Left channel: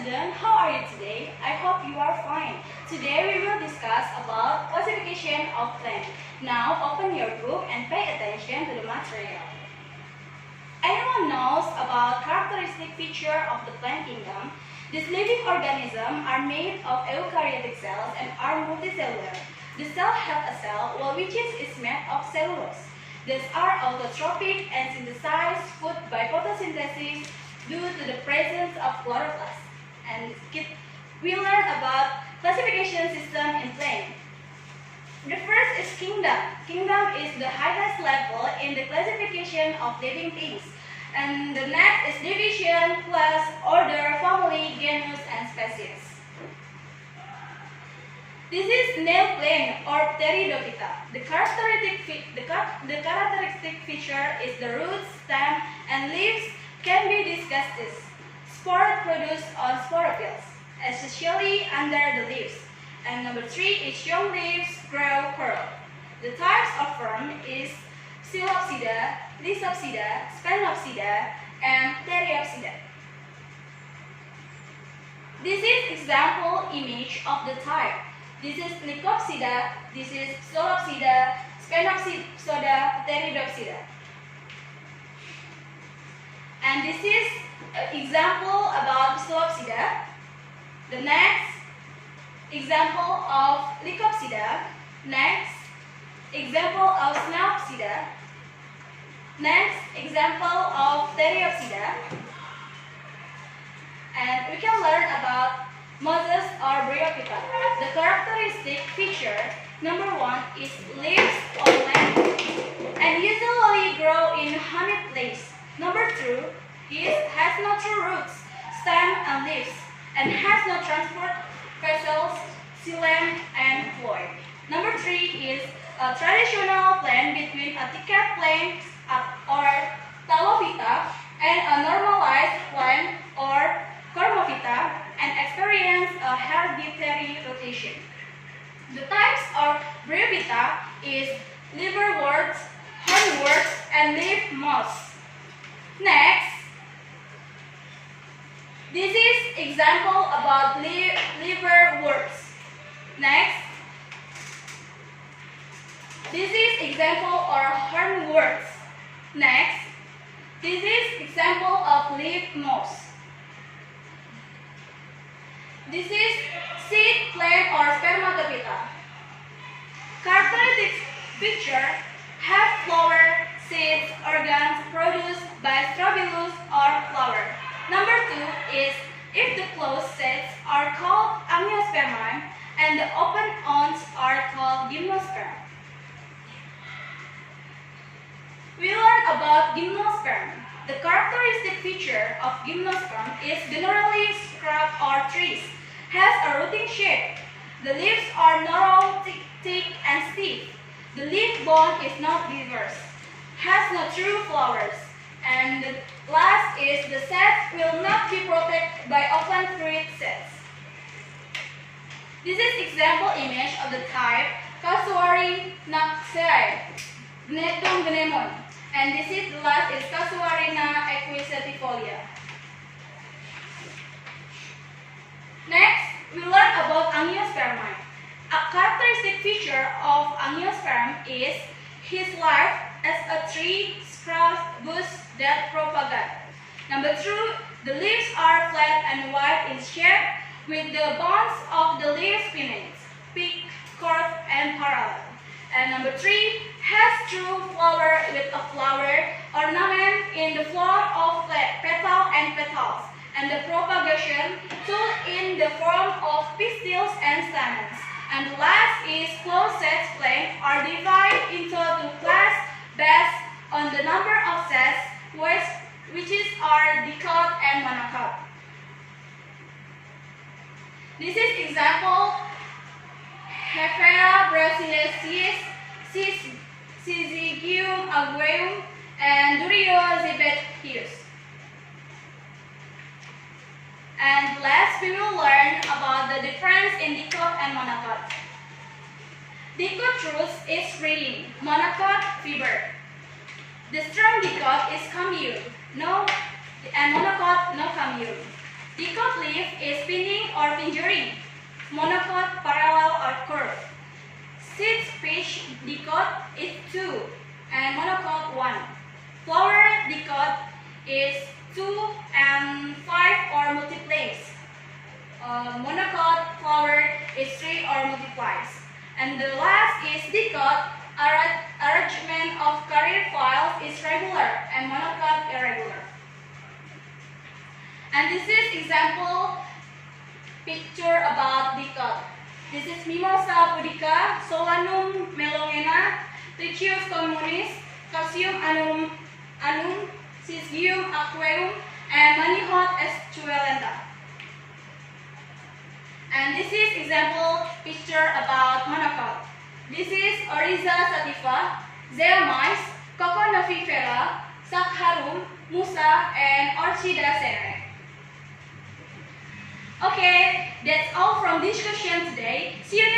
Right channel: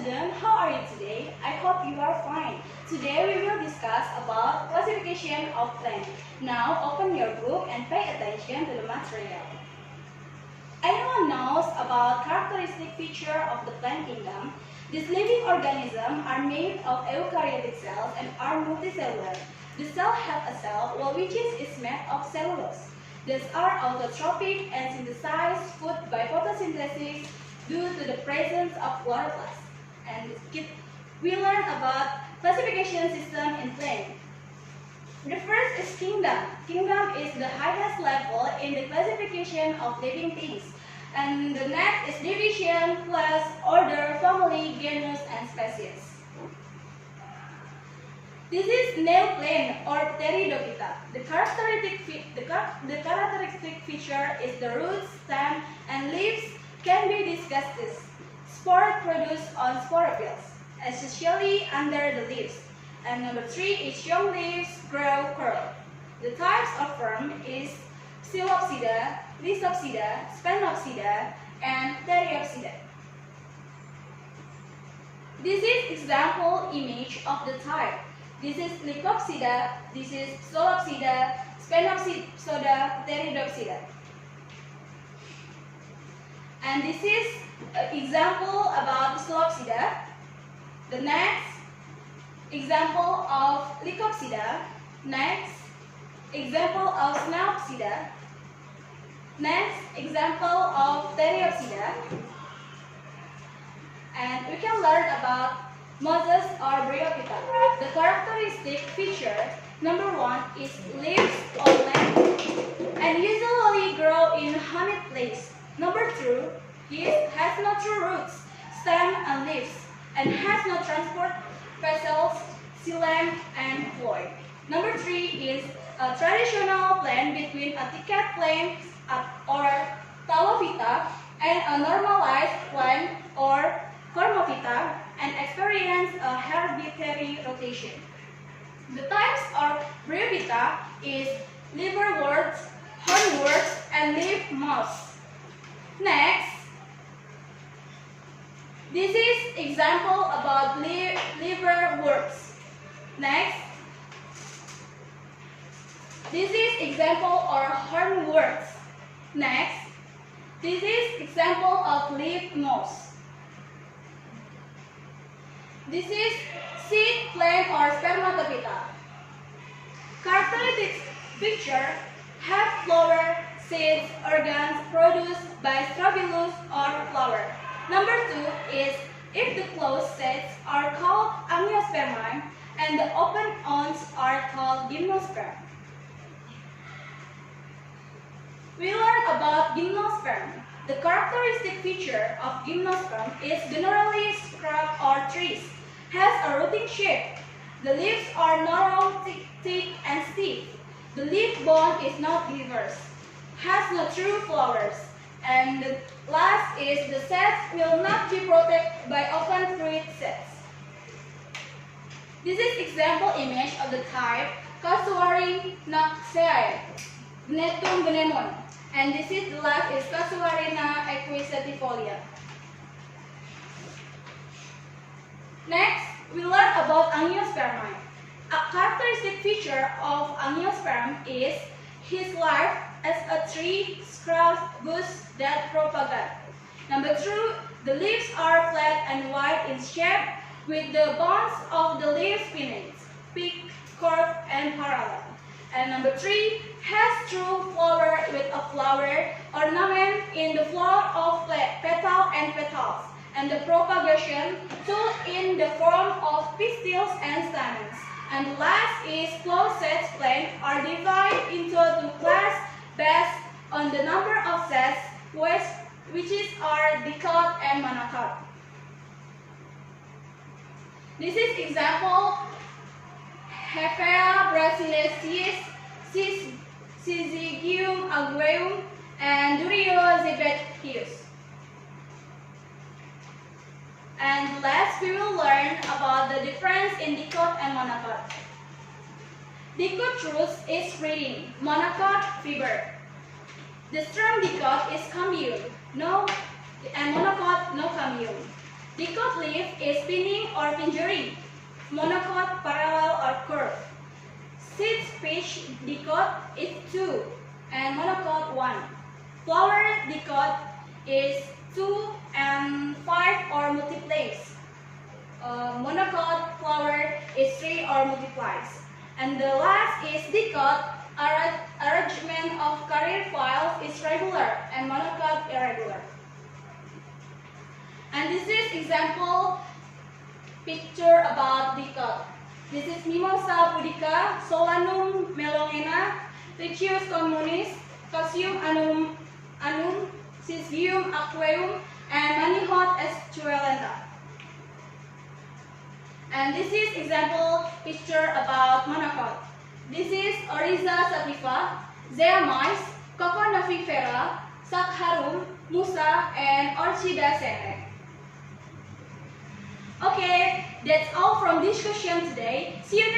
students, how are you today? I hope you are fine. Today we will discuss about classification of plants. Now open your book and pay attention to the material. Anyone knows about characteristic feature of the plant kingdom? These living organisms are made of eukaryotic cells and are multicellular. The cell have a cell wall which is made of cellulose. These are autotrophic and synthesize food by photosynthesis due to the presence of chloroplast. And we learn about classification system in plants. The first is kingdom. Kingdom is the highest level in the classification of living things. And the next is division, class, order, family, genus, and species. This is nail plant or Pteridophyta. The characteristic feature is the roots, stem, and leaves can be discussed as spore produced on sporophytes, especially under the leaves. And number 3 is young leaves grow curl. The types of fern is Psilopsida, Lysopsida, Spanopsida, and Theriopsida. This is example image of the type. This is Lycopsida, this is Psilopsida, Spanopsida, Theriopsida. And this is an example about Psilopsida. The next example of Lycopsida. Next example of Spanopsida. Next example of Theriopsida. And we can learn about mosses or Bryophyta. The characteristic feature number 1 is leaves or length and usually grow in humid place. Number 2 has no true roots, stem and leaves, and has no transport vessels, xylem and phloem. Number 3 is a traditional plant between a thicket plant or Talophyta and a normalized plant or Cormophyta and experience a hereditary rotation. The types of Bryophyta is liverworts, hornworts, and leaf moss. Next, this is example about liverworts. Next, this is example or hornworts. Next, this is example of leaf moss. This is seed plant or Spermatophyta. Characteristic feature have flower, seeds, organs produced by strobilus or flower. Number 2 is if the closed sets are called angiospermae and the open awns are called gymnosperm. We learn about gymnosperm. The characteristic feature of gymnosperm is generally scrub or trees, has a rooting shape. The leaves are narrow, thick, and stiff. The leaf bone is not diverse, has no true flowers. And the last is the sets will not be protected by open fruit sets. This is example image of the type Casuarinaceae, Gnetum gnemon. And this is the last is Casuarina equisetifolia. Next, we learn about angiospermae. A characteristic feature of angiosperm is his life as a tree, scrub, bush that propagate. Number 2, the leaves are flat and wide in shape with the bones of the leaves pinnate, peak, curved, and parallel. And number 3 has true flower with a flower ornament in the form of petal and petals, and the propagation tool in the form of pistils and stamens. And the last is closed sets plants are divided into 2 classes based on the number of sets, which are dicot and monocot. This is example Hevea brasiliensis, Syzygium agueum, and Duryozibethius. And last, we will learn about the difference in dicot and monocot. Dicot roots is spreading, monocot fiber. The strong dicot is commune, and monocot no commune. Dicot leaf is spinning or fingering. Monocot, parallel or curved. Seed pitch dicot is 2 and monocot 1. Flower dicot is 2 and 5 or multiplies. Monocot flower is 3 or multiplies. And the last is dicot. Arrangement of career files is regular and monocot irregular. And this is example picture about dicot. This is Mimosa pudica, Solanum melongena, Trichius communis, Calcium anum, Syzygium aqueum, and Manihot escuelenta. And this is example picture about monocot. This is Oryza sativa, Zeamys, Coco navifera, Sakharum, Musa, and Orchida sere. Okay, that's all from discussion today. See you